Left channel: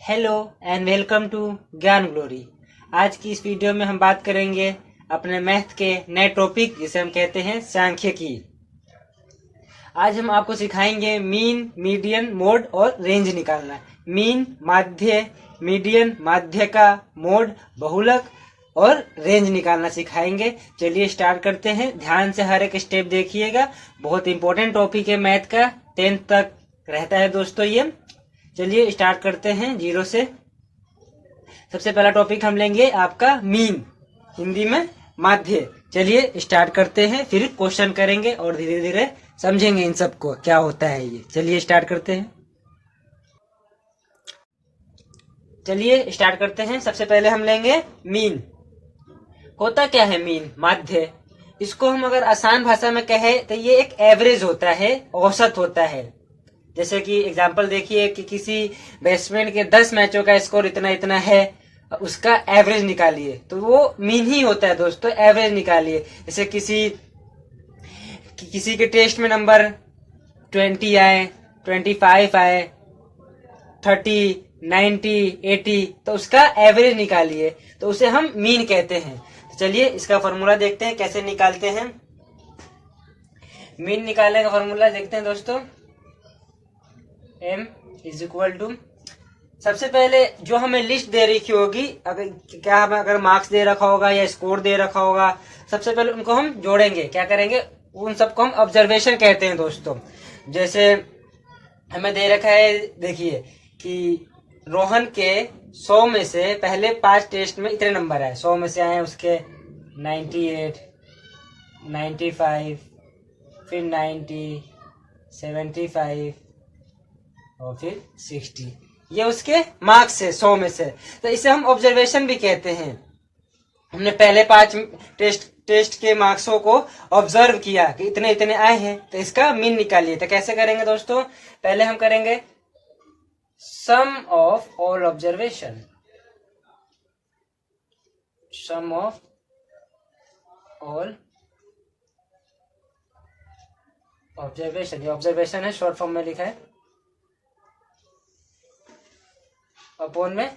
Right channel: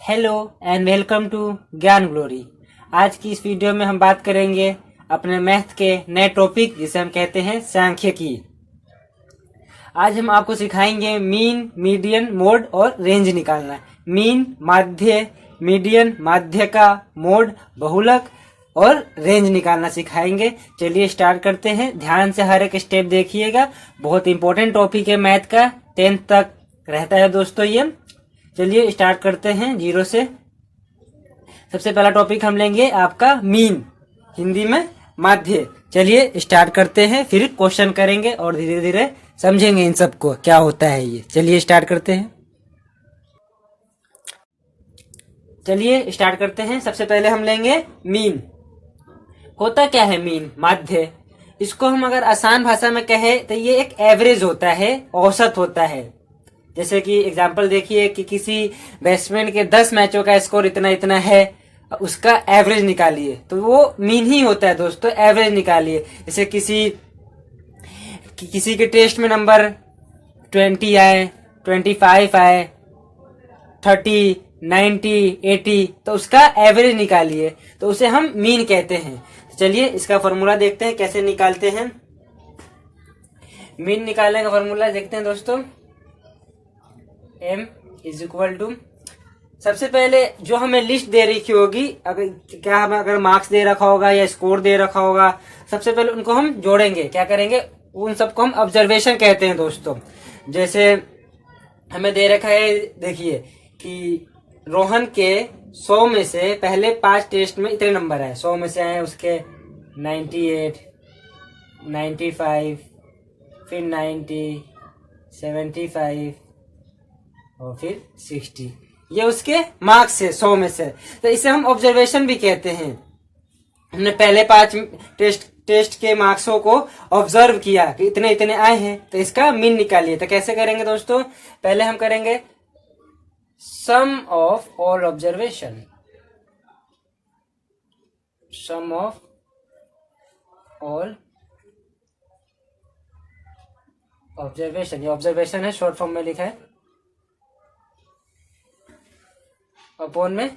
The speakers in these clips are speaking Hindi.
हेलो एंड वेलकम टू ज्ञान ग्लोरी। आज की इस वीडियो में हम बात करेंगे अपने मैथ के नए टॉपिक जिसे हम कहते हैं सांख्यिकी। आज हम आपको सिखाएंगे मीन, मीडियन, मोड और रेंज निकालना। मीन, माध्य, मीडियन, माध्य का, मोड, बहुलक और रेंज निकालना सिखाएंगे। चलिए स्टार्ट करते हैं। ध्यान से हर एक स्टेप देखिएगा, बहुत इंपॉर्टेंट टॉपिक है मैथ का, 10th तक रहता है दोस्तों ये। चलिए स्टार्ट करते हैं जीरो से। सबसे पहला टॉपिक हम लेंगे आपका मीन, हिंदी में माध्य। चलिए स्टार्ट करते हैं, फिर क्वेश्चन करेंगे और धीरे धीरे समझेंगे इन सबको क्या होता है ये। चलिए स्टार्ट करते हैं। चलिए स्टार्ट करते हैं। सबसे पहले हम लेंगे मीन। होता क्या है मीन, माध्य? इसको हम अगर आसान भाषा में कहें तो ये एक एवरेज होता है, औसत होता है। जैसे कि एग्जांपल देखिए कि किसी बैट्समैन के 10 मैचों का स्कोर इतना इतना है, उसका एवरेज निकालिए, तो वो मीन ही होता है दोस्तों, एवरेज निकालिए। जैसे किसी के टेस्ट में नंबर 20 आए, 25 आए, 30, 90, 80, तो उसका एवरेज निकालिए, तो उसे हम मीन कहते हैं। चलिए इसका फॉर्मूला देखते हैं कैसे निकालते हैं। मीन निकालने का फॉर्मूला देखते हैं दोस्तों। m इज इक्वल टू, सबसे पहले जो हमें लिस्ट दे रखी होगी, अगर मार्क्स दे रखा होगा या स्कोर दे रखा होगा, सबसे पहले उनको हम जोड़ेंगे। क्या करेंगे? उन सबको हम ऑब्जर्वेशन कहते हैं दोस्तों। जैसे हमें दे रखा है, देखिए कि रोहन के 100 में से पहले 5 टेस्ट में इतने नंबर आए, 100 में से आए उसके 98, 95, फिर 90, 75 और फिर 60। ये उसके मार्क्स है 100 में से, तो इसे हम ऑब्जर्वेशन भी कहते हैं। हमने पहले 5 टेस्ट के मार्क्सों को ऑब्जर्व किया कि इतने इतने आए हैं, तो इसका मीन निकालिए। तो कैसे करेंगे दोस्तों? पहले हम करेंगे sum of all observation, sum of all observation. ये ऑब्जर्वेशन है, शॉर्ट फॉर्म में लिखा है, अपॉन में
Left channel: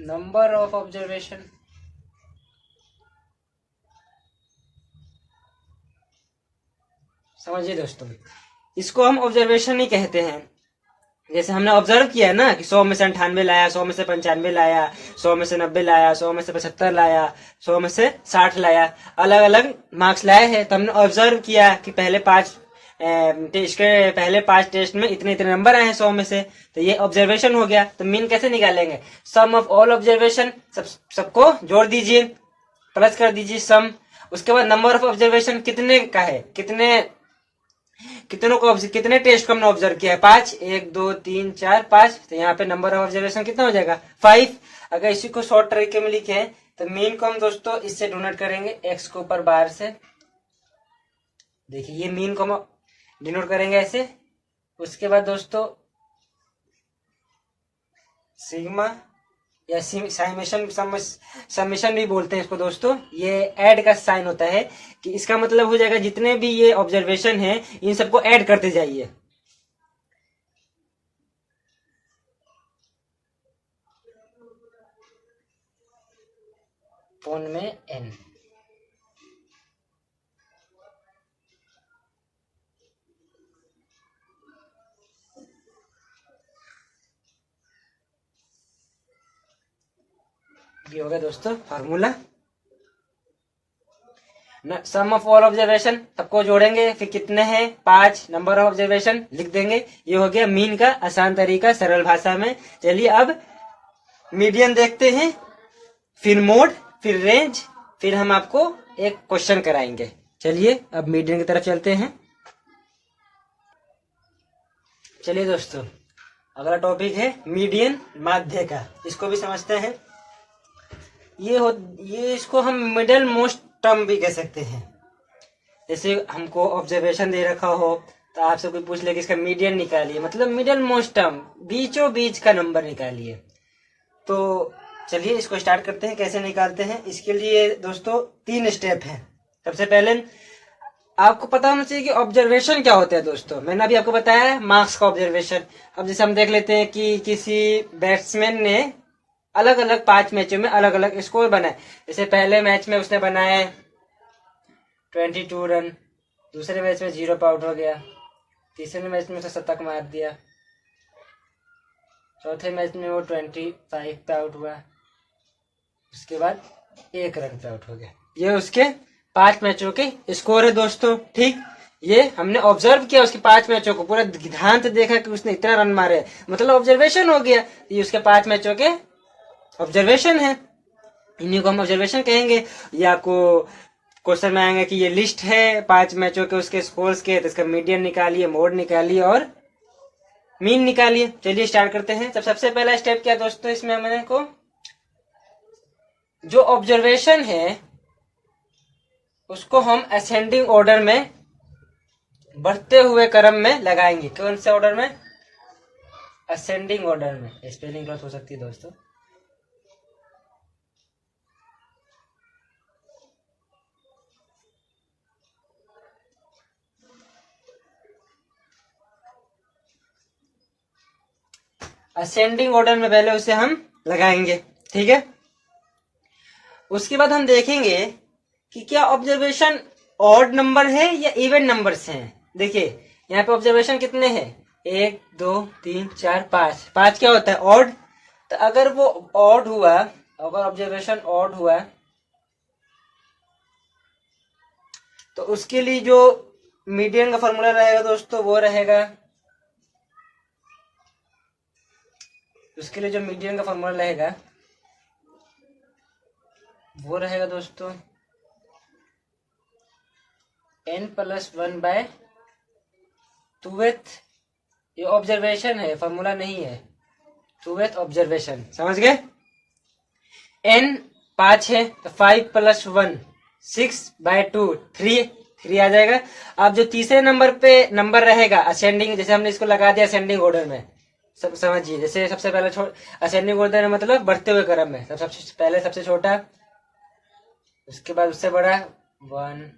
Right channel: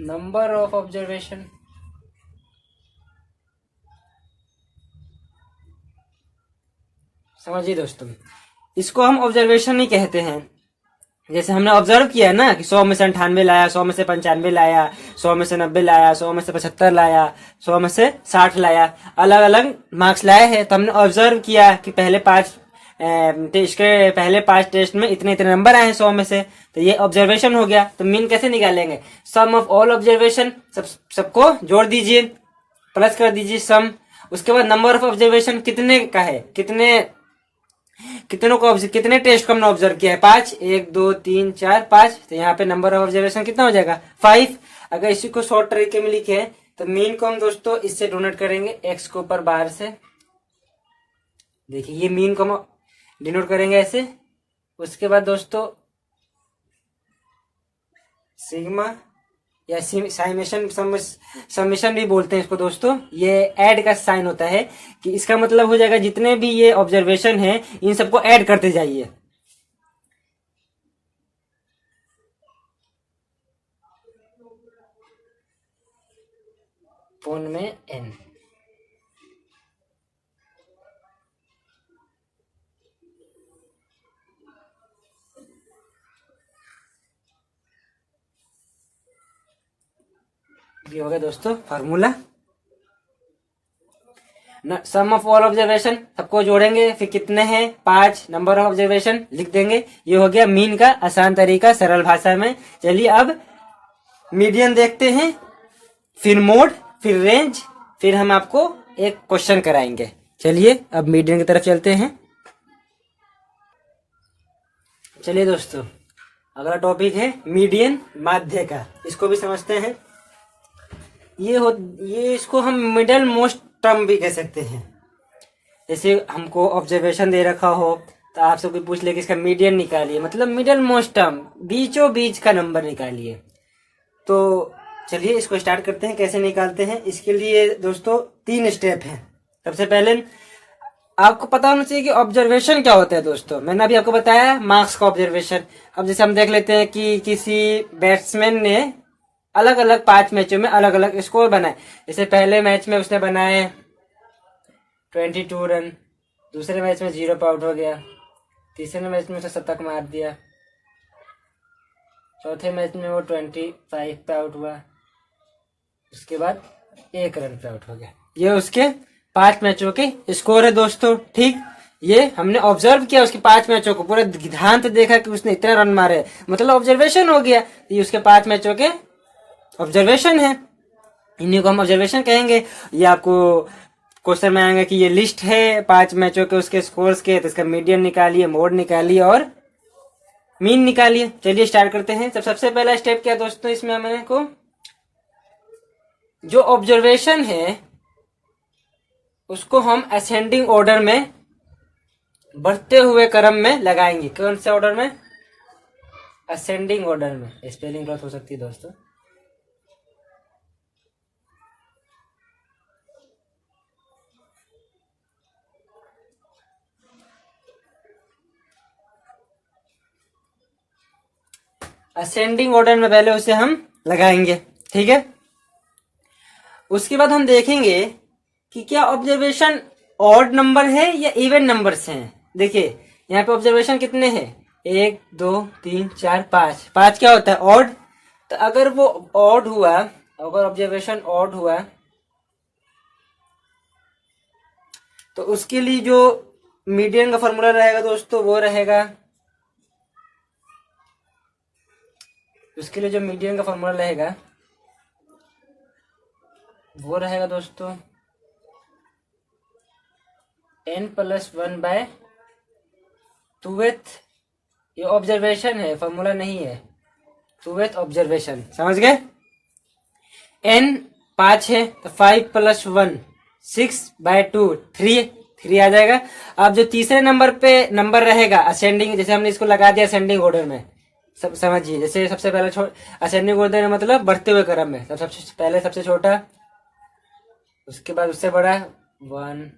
नंबर ऑफ ऑब्जर्वेशन। समझिए दोस्तों, इसको हम ऑब्जर्वेशन नहीं कहते हैं। जैसे हमने ऑब्जर्व किया ना कि 100 में से 98 लाया, 100 में से 95 लाया, 100 में से 90 लाया, 100 में से 75 लाया, 100 में से 60 लाया, अलग अलग मार्क्स लाए हैं। तो हमने ऑब्जर्व किया कि पहले 5 टेस्ट में इतने इतने नंबर आए हैं 100 में से, तो ये ऑब्जर्वेशन हो गया। तो मीन कैसे निकालेंगे? सम ऑफ ऑल ऑब्जर्वेशन, सबको जोड़ दीजिए, प्लस कर दीजिए सम। उसके बाद नंबर ऑफ ऑब्जर्वेशन कितने का है, कितने टेस्ट को हमने ऑब्जर्व किया है? 5, 1, 2, 3, 4, 5। तो यहाँ पे नंबर ऑफ ऑब्जर्वेशन कितना हो जाएगा? 5। अगर इसी को शॉर्ट तरीके में लिखे तो मीन को हम दोस्तों इससे डोनेट करेंगे, x के ऊपर बार से। देखिए ये मीन को हम डिनोट करेंगे ऐसे। उसके बाद दोस्तों सिग्मा या समेशन भी बोलते हैं इसको दोस्तों। ये ऐड का साइन होता है कि इसका मतलब हो जाएगा जितने भी ये ऑब्जर्वेशन है इन सबको ऐड करते जाइए। फोन में n। ये हो गया दोस्तों formula. Sum of all observation सबको जोड़ेंगे, फिर कितने हैं? 5। नंबर ऑफ ऑब्जर्वेशन लिख देंगे। ये हो गया मीन का आसान तरीका, सरल भाषा में। चलिए अब मीडियन देखते हैं, फिर मोड, फिर रेंज, फिर हम आपको एक क्वेश्चन कराएंगे। चलिए अब मीडियन की तरफ चलते हैं। चलिए दोस्तों, अगला टॉपिक है मीडियन, माध्य का। इसको भी समझते हैं। ये इसको हम मिडल मोस्ट टर्म भी कह सकते हैं। जैसे हमको ऑब्जर्वेशन दे रखा हो तो आपसे कोई पूछ ले कि इसका मीडियन निकालिए, मतलब मिडल मोस्ट टर्म, बीचों बीच का नंबर निकालिए। तो चलिए इसको स्टार्ट करते हैं, कैसे निकालते हैं। इसके लिए दोस्तों 3 स्टेप हैं। सबसे पहले आपको पता होना चाहिए कि ऑब्जर्वेशन क्या होता है दोस्तों। मैंने अभी आपको बताया मार्क्स का ऑब्जर्वेशन। अब जैसे हम देख लेते हैं कि किसी बैट्समैन ने अलग अलग 5 मैचों में अलग अलग स्कोर बनाए। जैसे पहले मैच में उसने बनाए 22 रन, दूसरे मैच में 0 पे आउट हो गया, तीसरे मैच में उसने शतक मार दिया, चौथे मैच में वो 25 पे आउट हुआ, उसके बाद 1 रन पे आउट हो गया। ये उसके 5 मैचों के स्कोर है दोस्तों। ठीक, ये हमने ऑब्जर्व किया उसके 5 मैचों को, पूरे ध्यान से देखा कि उसने इतने रन मारे, मतलब ऑब्जर्वेशन हो गया। ये उसके 5 मैचों के ऑब्जर्वेशन है, इन्हीं को हम ऑब्जर्वेशन कहेंगे। ये आपको क्वेश्चन में आएंगे कि ये लिस्ट है 5 मैचों के उसके स्कोर्स के, तो इसका मीडियन निकालिए, मोड निकालिए और मीन निकालिए। चलिए स्टार्ट करते हैं। तो सबसे पहला स्टेप क्या दोस्तों, इसमें हमने को जो ऑब्जर्वेशन है उसको हम असेंडिंग ऑर्डर में, बढ़ते हुए क्रम में लगाएंगे। कौन से ऑर्डर में? असेंडिंग ऑर्डर में। स्पेलिंग गलत हो सकती है दोस्तों। असेंडिंग ऑर्डर में पहले उसे हम लगाएंगे, ठीक है। उसके बाद हम देखेंगे कि क्या ऑब्जर्वेशन ऑड नंबर है या इवन नंबर्स हैं। देखिए यहाँ पे ऑब्जर्वेशन कितने हैं, 1 2 3 4 5। 5 क्या होता है? ऑड। तो अगर वो ऑड हुआ, अगर ऑब्जर्वेशन ऑड हुआ तो उसके लिए जो मीडियन का फॉर्मूला रहेगा दोस्तों वो रहेगा, उसके लिए जो मीडियन का फॉर्मूला रहेगा वो रहेगा दोस्तों n+1/2th। ये ऑब्जर्वेशन है, फॉर्मूला नहीं है। 2th ऑब्जर्वेशन, समझ गए। n 5 है तो 5+1 6/2, 3 आ जाएगा। अब जो तीसरे नंबर पे नंबर रहेगा असेंडिंग, जैसे हमने इसको लगा दिया असेंडिंग ऑर्डर में, सब समझिए। जैसे सबसे पहले असेंडिंग ऑर्डर में मतलब बढ़ते हुए क्रम में, सबसे पहले सबसे छोटा, उसके बाद उससे बड़ा 1,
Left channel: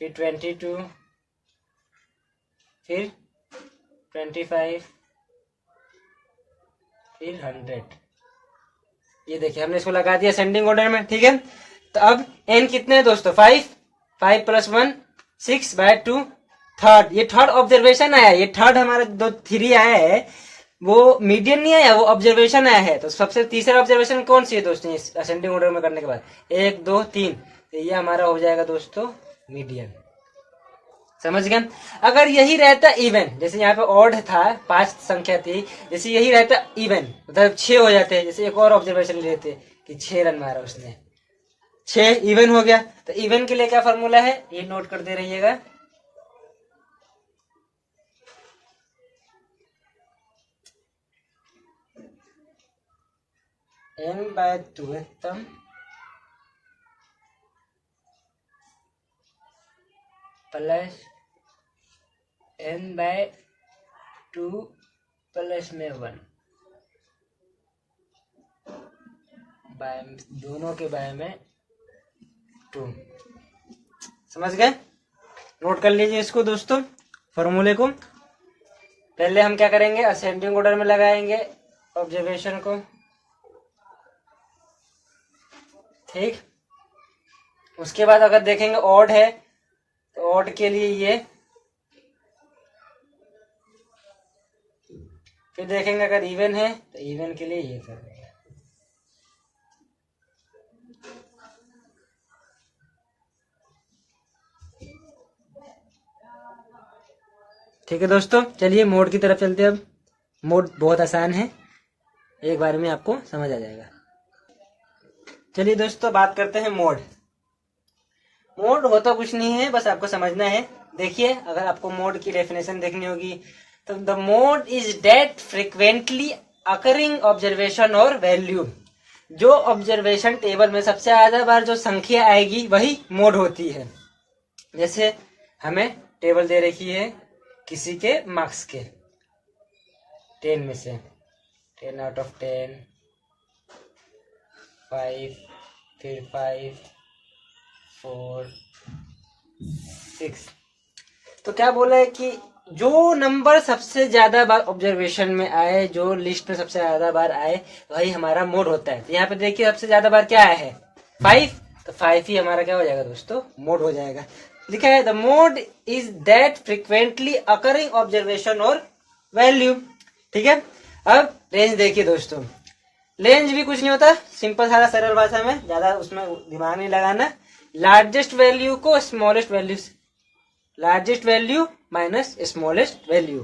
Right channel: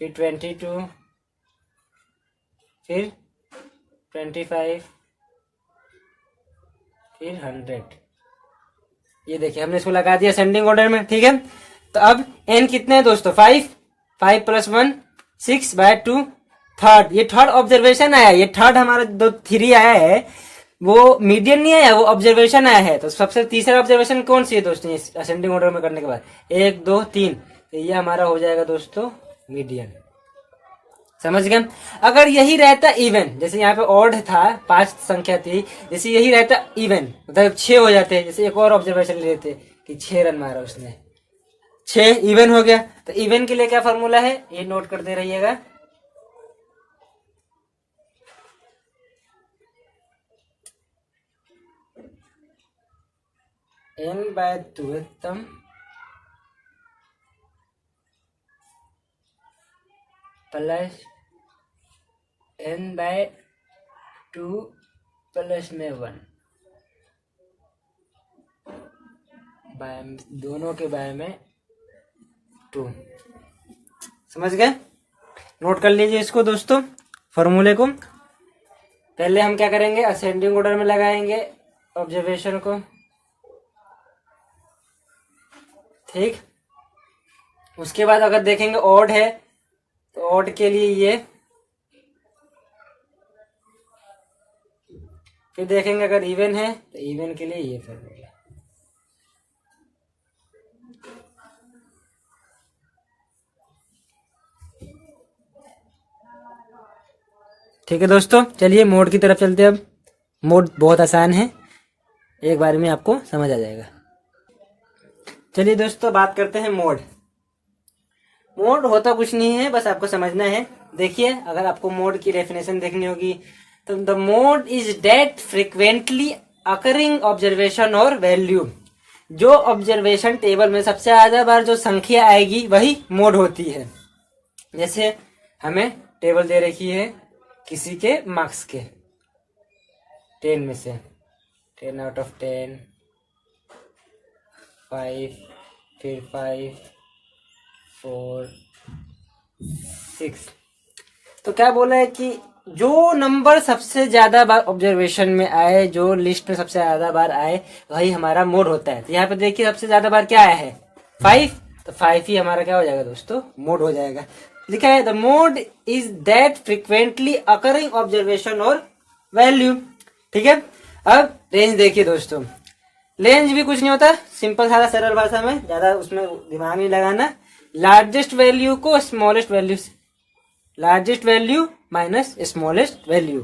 फिर 22, फिर 25, फिर 100। ये देखिए हमने इसको लगा दिया असेंडिंग ऑर्डर में, ठीक है। तो अब n कितने हैं दोस्तों? 5, 5+1 6/2, थर्ड। ये थर्ड ऑब्जर्वेशन आया, ये थर्ड हमारा जो 3 आया है वो मीडियन नहीं आया, वो ऑब्जर्वेशन आया है। तो सबसे तीसरा ऑब्जर्वेशन कौन सी है दोस्तों असेंडिंग ऑर्डर में करने के बाद? 1 2 3, तो ये हमारा हो जाएगा दोस्तों मीडियन। समझ गए। अगर यही रहता इवन, जैसे यहाँ पे ऑड था 5 संख्या थी, जैसे यही रहता इवन मतलब 6 हो जाते, जैसे एक और ऑब्जर्वेशन ले लेते कि 6 रन मारा उसने, 6 इवन हो गया। तो इवन के लिए क्या फॉर्मूला है ये नोट कर दे रहिएगा, n/2th प्लस n/2 प्लस में 1, दोनों के बाय में 2। समझ गए। नोट कर लीजिए इसको दोस्तों, फॉर्मूले को। पहले हम क्या करेंगे, असेंडिंग ऑर्डर में लगाएंगे ऑब्जर्वेशन को, ठीक। उसके बाद अगर देखेंगे ऑड है तो ऑड के लिए ये, फिर देखेंगे अगर इवन है तो इवन के लिए ये फॉर्मूला। ठीक है दोस्तों, चलिए मोड की तरफ चलते हैं। अब मोड बहुत आसान है, एक बार में आपको समझ आ जाएगा। चलिए दोस्तों बात करते हैं मोड। मोड होता कुछ नहीं है, बस आपको समझना है। देखिए अगर आपको मोड की डेफिनेशन देखनी होगी तो the mode is that frequently occurring observation और वैल्यू। जो ऑब्जर्वेशन टेबल में सबसे ज्यादा बार जो संख्या आएगी वही मोड होती है। जैसे हमें टेबल दे रखी है किसी के मार्क्स के 10 में से, 10/10, 5, फिर 5, 4, 6। तो क्या बोला है कि जो नंबर सबसे ज्यादा बार ऑब्जर्वेशन में आए, जो लिस्ट में सबसे ज्यादा बार आए, वही हमारा मोड होता है। तो यहाँ पे देखिए सबसे ज्यादा बार क्या आया है 5, तो 5 ही हमारा क्या हो जाएगा दोस्तों, मोड हो जाएगा। लिखा है the mode is that frequently occurring observation और वैल्यू। ठीक है, अब रेंज देखिए दोस्तों, रेंज भी कुछ नहीं होता, सिंपल सारा सरल भाषा में, ज्यादा उसमें दिमाग नहीं लगाना। लार्जेस्ट वैल्यू को स्मॉलेस्ट वैल्यू से, largest value minus smallest value,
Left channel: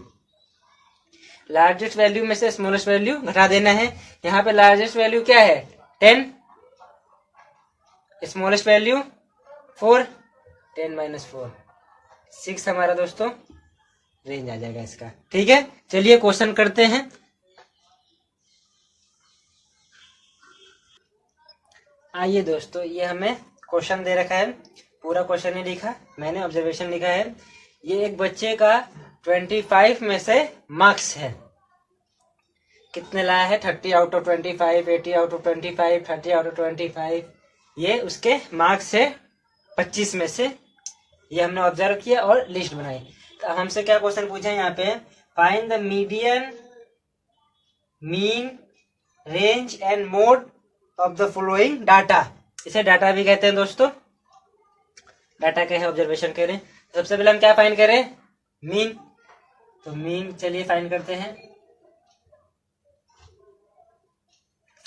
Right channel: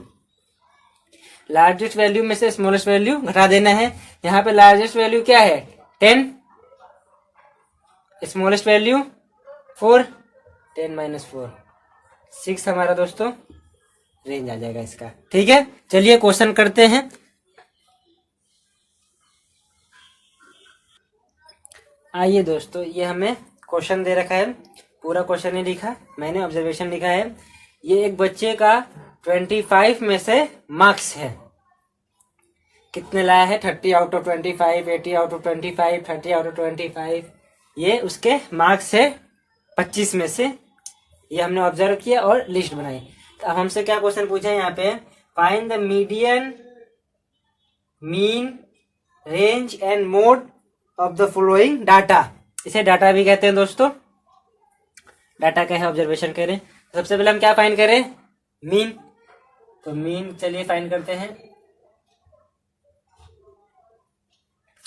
largest value में से स्मॉलेस्ट वैल्यू घटा देना है। यहाँ पे लार्जेस्ट वैल्यू क्या है 10, स्मॉलेस्ट वैल्यू 4, 10 माइनस 4, 6 हमारा दोस्तों रेंज आ जाएगा इसका। ठीक है, चलिए क्वेश्चन करते हैं। आइए दोस्तों, ये हमें क्वेश्चन दे रखा है, पूरा क्वेश्चन नहीं लिखा मैंने, ऑब्जर्वेशन लिखा है। ये एक बच्चे का 25 में से मार्क्स है, कितने लाया है 30 out of 25, 80 out of 25, 30 out of 25, ये उसके मार्क्स है 25 में से। ये हमने ऑब्जर्व किया और लिस्ट बनाई। तो अब हमसे क्या क्वेश्चन पूछा है यहाँ पे, find the median, mean, range and mode of the following data. इसे डाटा भी कहते हैं दोस्तों, डाटा क्या है, ऑब्जर्वेशन करें। सबसे पहले हम क्या फाइंड करें, मीन। तो मीन चलिए फाइंड करते हैं,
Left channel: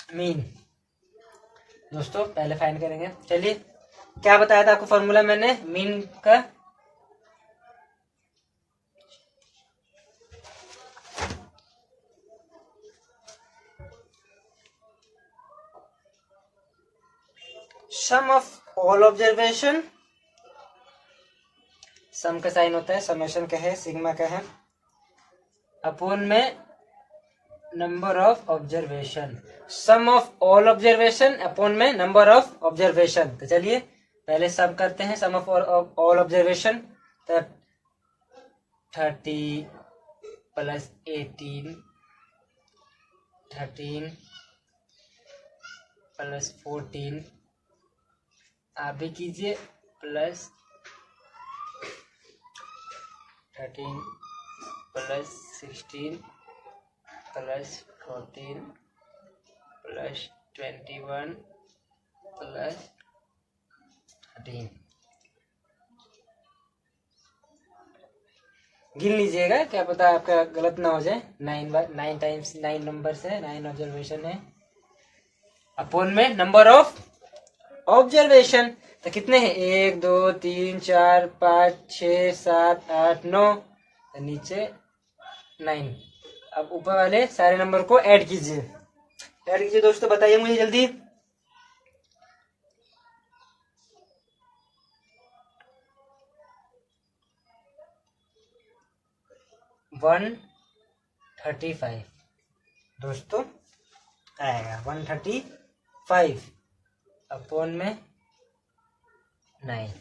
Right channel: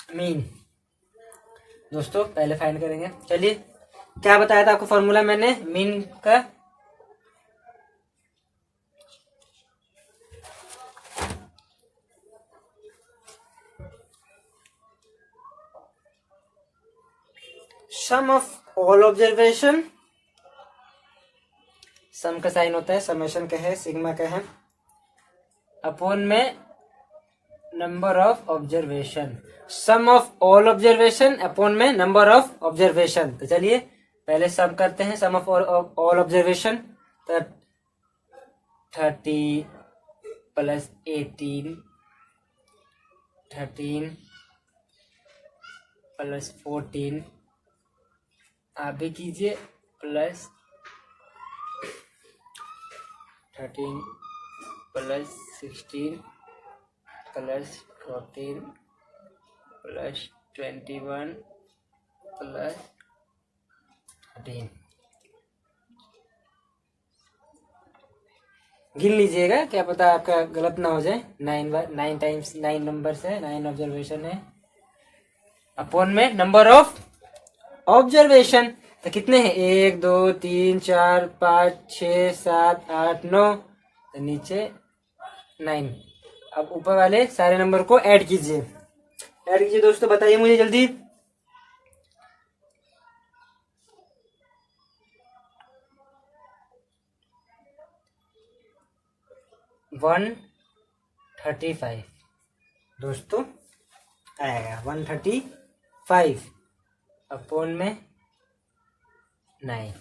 मीन दोस्तों पहले फाइंड करेंगे। चलिए, क्या बताया था आपको फॉर्मूला मैंने मीन का, सम ऑफ ऑल ऑब्जर्वेशन, सम का साइन होता है, समेशन का है, सिग्मा का है, अपॉन में number of observation, sum of all observation upon में नंबर ऑफ ऑब्जर्वेशन। तो चलिए पहले सम करते हैं, सम ऑफ ऑल ऑब्जर्वेशन। तो 30 प्लस 18, 13 प्लस 14, आप भी कीजिए, plus 13 plus 16 plus 14 plus 21 plus 13। गिन लीजिएगा, क्या पता आपका गलत ना हो जाए। 9 टाइम्स 9 नंबर है, 9 ऑब्जर्वेशन है, अपॉन में नंबर ऑफ ऑब्जर्वेशन। तो कितने हैं 1 2 3 4 5 6 7 8 9, नीचे 9। अब ऊपर वाले सारे नंबर को ऐड कीजिए, ऐड कीजिए दोस्तों, बताइए मुझे जल्दी। 135 दोस्तों आएगा, 135 अपॉन में 9,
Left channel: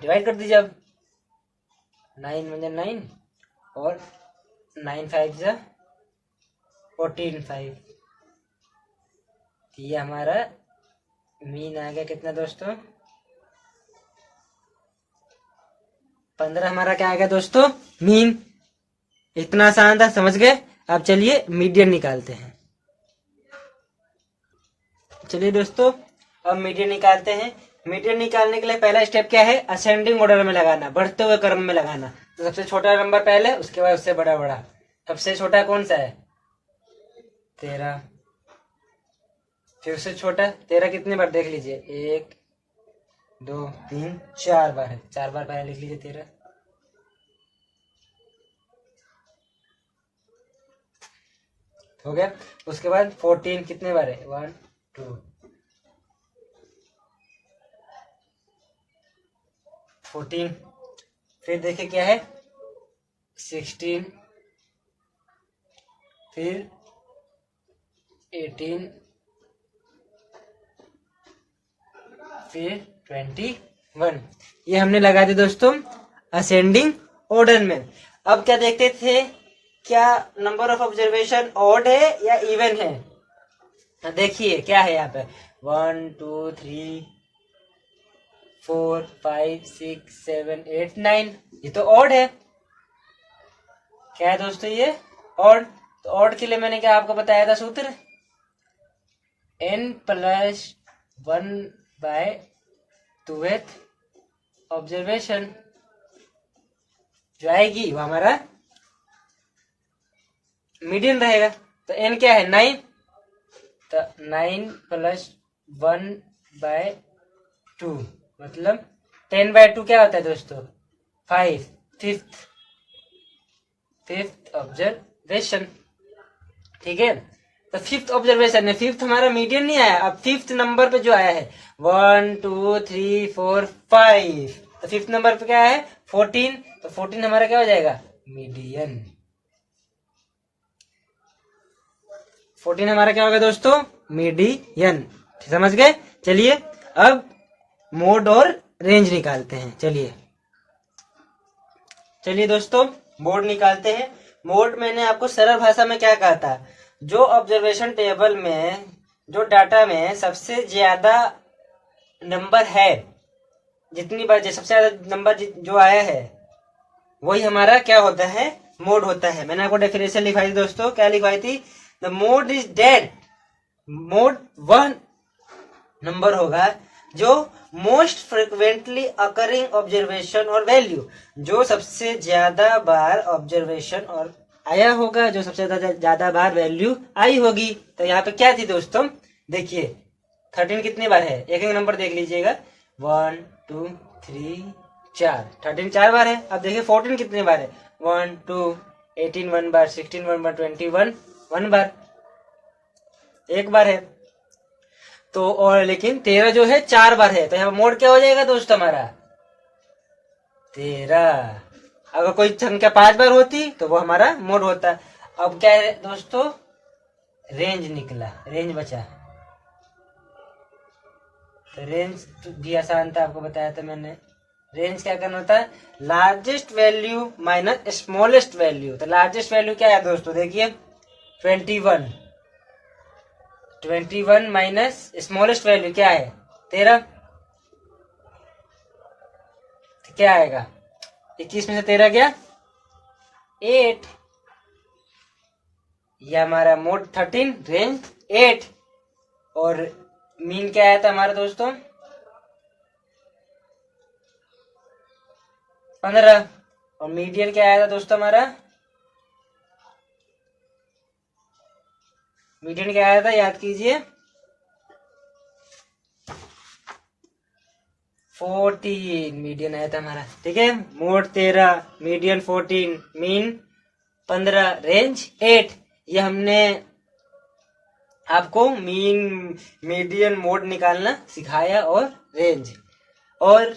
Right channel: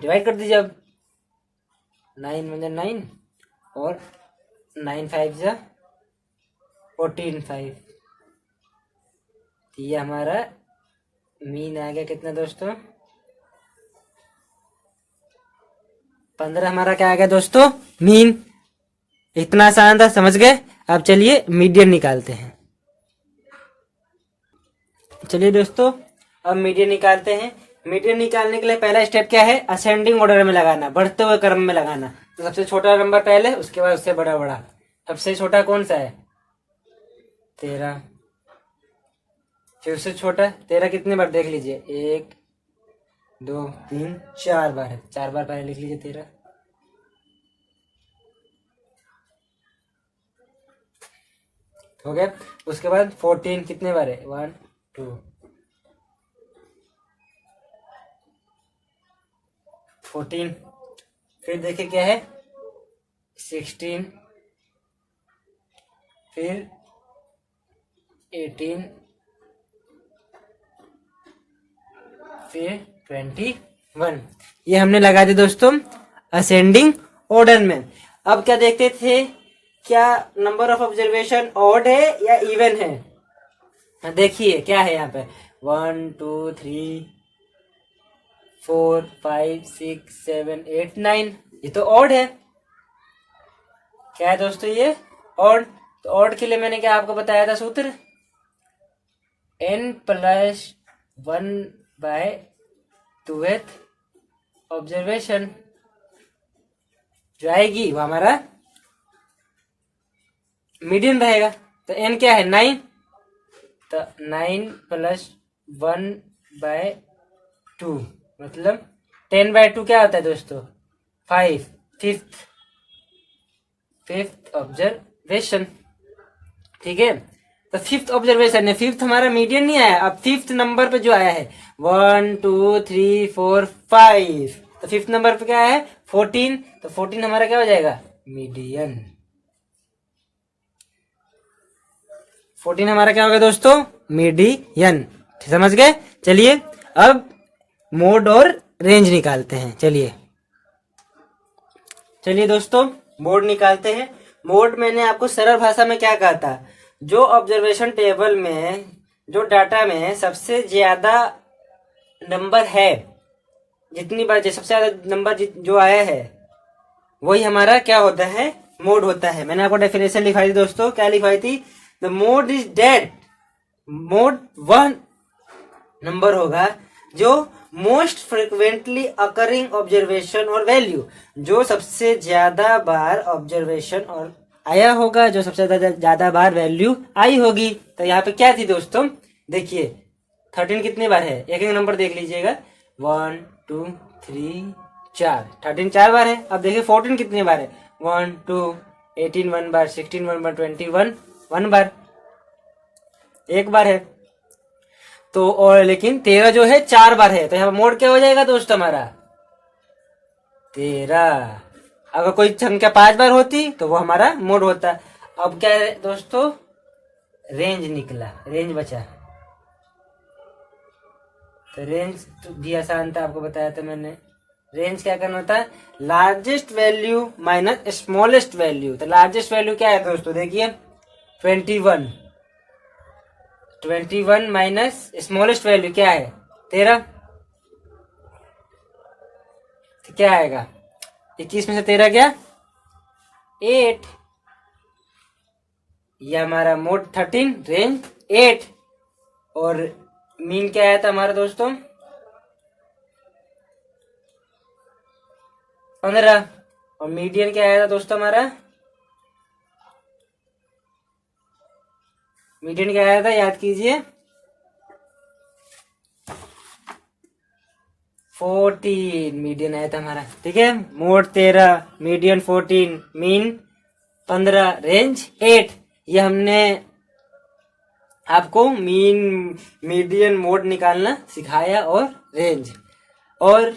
डिवाइड कर दीजिए। अब 9 में 9 और 9 5 जा 14 5, ये हमारा मीन आ गया कितना दोस्तों, 15 हमारा क्या आ गया दोस्तों, मीन। इतना आसान था, समझ गए। अब चलिए मीडियन निकालते हैं। चलिए दोस्तों अब मीडियन निकालते हैं। मीडियन निकालने के लिए पहला स्टेप क्या है, असेंडिंग ऑर्डर में लगाना, बढ़ते हुए क्रम में लगाना। तो सबसे छोटा नंबर पहले, उसके बाद उससे बड़ा बड़ा। सबसे छोटा कौन सा है 13, फिर उससे छोटा 13 कितने बार देख लीजिए, 1 2 3 4 बार है, 4 बार पहले लिख लीजिए 13। हो गया। उसके बाद 14 कितने बार है, 1 2 14। फिर देखे क्या है 16, फिर 18, फिर 21। ये हमने लगा दिया दोस्तों असेंडिंग ऑर्डर में। अब क्या देखते थे, क्या नंबर ऑफ ऑब्जर्वेशन ऑड है या इवन है। देखिए क्या है यहाँ पे 1 2 3 4 5 6 7 8 9। ये तो ऑड है। क्या है दोस्तों ये? ऑड। तो ऑड के लिए मैंने क्या आपको बताया था सूत्र? n+1/2th ऑब्जर्वेशन जो आएगी वो हमारा मीडियन रहेगा। तो n क्या है? 9। तो 9+1/2 मतलब 10/2 क्या होता है दोस्तों? 5। Fifth observation. ठीक है। तो फिफ्थ ऑब्जर्वेशन है। फिफ्थ हमारा मीडियन नहीं आया। अब फिफ्थ नंबर पे जो आया है 1 2 3 4 5। तो फिफ्थ नंबर पे क्या है? 14। तो 14 हमारा क्या हो जाएगा? मीडियन। 14 हमारा क्या होगा दोस्तों? मीडियन। समझ गए? चलिए अब मोड और रेंज निकालते हैं। चलिए दोस्तों मोड निकालते हैं। मोड मैंने आपको सरल भाषा में क्या कहा था? जो ऑब्जर्वेशन टेबल में, जो डाटा में सबसे ज्यादा नंबर है, जितनी बार सबसे ज्यादा नंबर जो आया है वही हमारा क्या होता है? मोड होता है। मैंने आपको डेफिनेशन लिखाई थी दोस्तों। क्या लिखवाई थी? The mode is that mode वह नंबर होगा जो मोस्ट फ्रिक्वेंटली अकरिंग ऑब्जर्वेशन और वैल्यू, जो सबसे ज्यादा बार ऑब्जर्वेशन और आया होगा, जो सबसे ज्यादा बार वैल्यू आई होगी। तो यहाँ पे क्या थी दोस्तों? देखिए 13 कितने बार है? एक एक नंबर देख लीजिएगा। 1 2 3 4। 13 4 बार है। अब देखिए 14 कितने बार है? 1 2 18 1 बार, 16 1 बार, 21 1 बार, एक बार है। तो और लेकिन 13 जो है 4 बार है। तो यहाँ मोड क्या हो जाएगा दोस्त हमारा? 13। अगर कोई संख्या 5 बार होती तो वो हमारा मोड होता। अब क्या है दोस्तों? रेंज निकला, रेंज बचा। तो रेंज भी आसान था, आपको बताया था मैंने। रेंज क्या करना होता है? Largest value minus smallest value. तो लार्जेस्ट वैल्यू क्या है दोस्तों? देखिए 21 माइनस स्मॉलेस्ट वैल्यू क्या है? 13। तो क्या आएगा? 21 में से 13 गया 8। ये हमारा मोड 13, रेंज 8। और मीन क्या आया था हमारा दोस्तों? 15। और मीडियन क्या आया था दोस्तों हमारा? मीडियन क्या आया था? याद कीजिए 14 मीडियन आया था हमारा। ठीक है। Mode 13, median 14, mean 15, range 8। ये हमने आपको मीन, मीडियन, मोड निकालना सिखाया और रेंज। और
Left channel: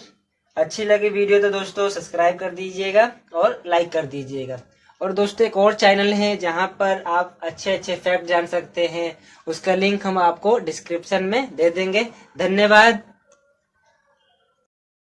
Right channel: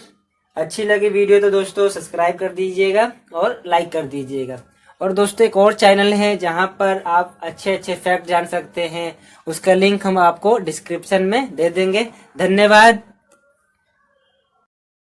अच्छी लगी वीडियो तो दोस्तों सब्सक्राइब कर दीजिएगा और लाइक कर दीजिएगा। और दोस्तों एक और चैनल है जहां पर आप अच्छे अच्छे फैक्ट जान सकते हैं, उसका लिंक हम आपको डिस्क्रिप्शन में दे देंगे। धन्यवाद।